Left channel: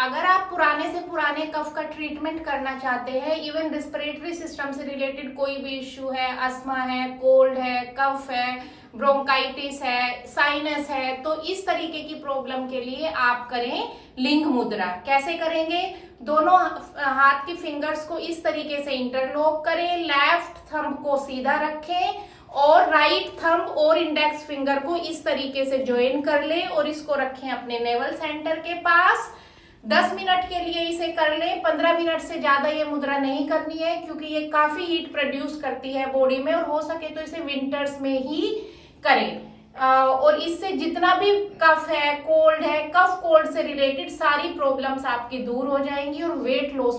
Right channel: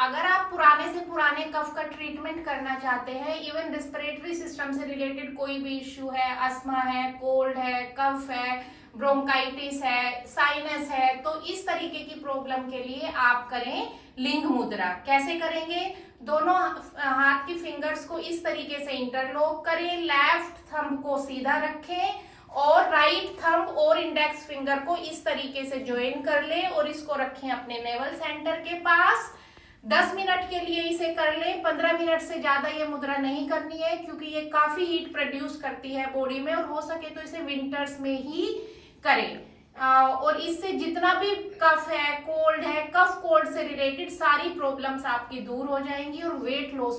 अगर आप पुराने से पुराने कफ का ट्रीटमेंट करना चाहते हैं, इवन रिस्पिरेटरी सिस्टम से रिलेटेड कोई भी इश्यू है, अस्थमा है, कोल्ड है, कफ है, ब्रोंकाइटिस है, साइनस है, तो इस तरीके की प्रॉब्लम के लिए आप करें लिंग मुद्रा। कैसे करेंगे? दोनों हाथ की फिंगर्स को इस तरीके से इंटरलॉक करें, लेफ्ट थंब को सीधा रखें और राइट थंब और इंडेक्स फिंगर को इस तरीके से ज्वाइन कर लें और इसको रखें अपने नेवल सेंटर के पास। 10 मिनट के लिए इसे कर लें। 15 मिनट से ज्यादा ये मुद्रा नहीं करनी है, क्योंकि ये काफी हीट प्रोड्यूस करती है बॉडी में, और हो सके तो इसे विंटर्स में ही करें। और इससे जितना भी कफ है, कोल्ड है, कफ कोल्ड से रिलेटेड सारी प्रॉब्लम्स आपकी दूर हो जाएंगी और वेट लॉस में